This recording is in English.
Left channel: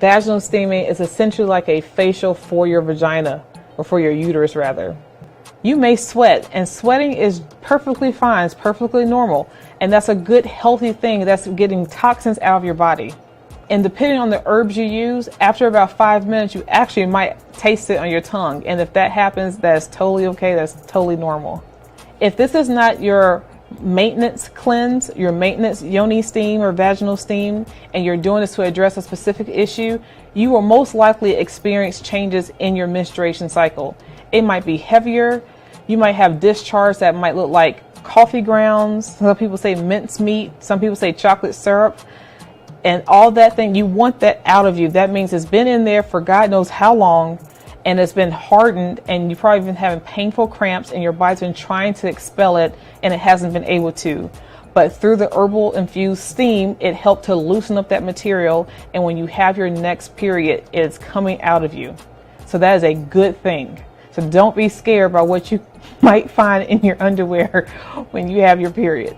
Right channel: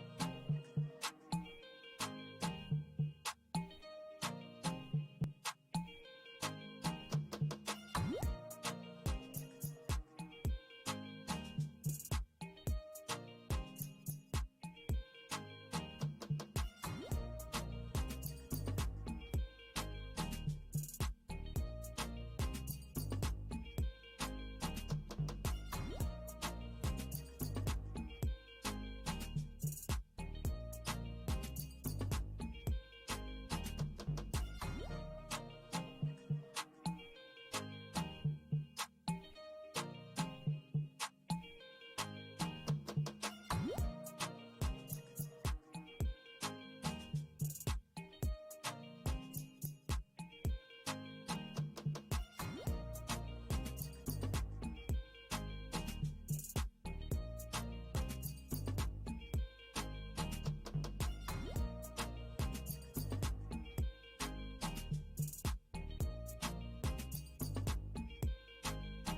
Vaginal steaming is essentially like a facial for your vagina, or for your uterus rather. You may sweat, and sweating is perfectly fine, it's perfectly normal, and that's a good healthy thing. That's getting toxins out of your body. And depending on the herbs you use, after about 5 minutes, you actually might taste it on your tongue. And if that happens, that's totally okay, that's totally normal. If this is not your maintenance cleanse, your maintenance yoni steam or vaginal steam, and you're doing this to address a specific issue, you will most likely experience changes in your menstruation cycle. It might be heavier. You might have discharge that might look like coffee grounds. Some people say mincemeat. Some people say chocolate syrup. And all that thing, you want that out of you. That means it's been in there for God knows how long, and it's been hardened, and you've probably been having painful cramps, and your body's been trying to expel it, and it hasn't been able to. But through the herbal infused steam, it helped to loosen up that material, and when you have your next period, it's coming out of you. So that is a good thing. So don't be scared by what you might find in your underwear when you have your period.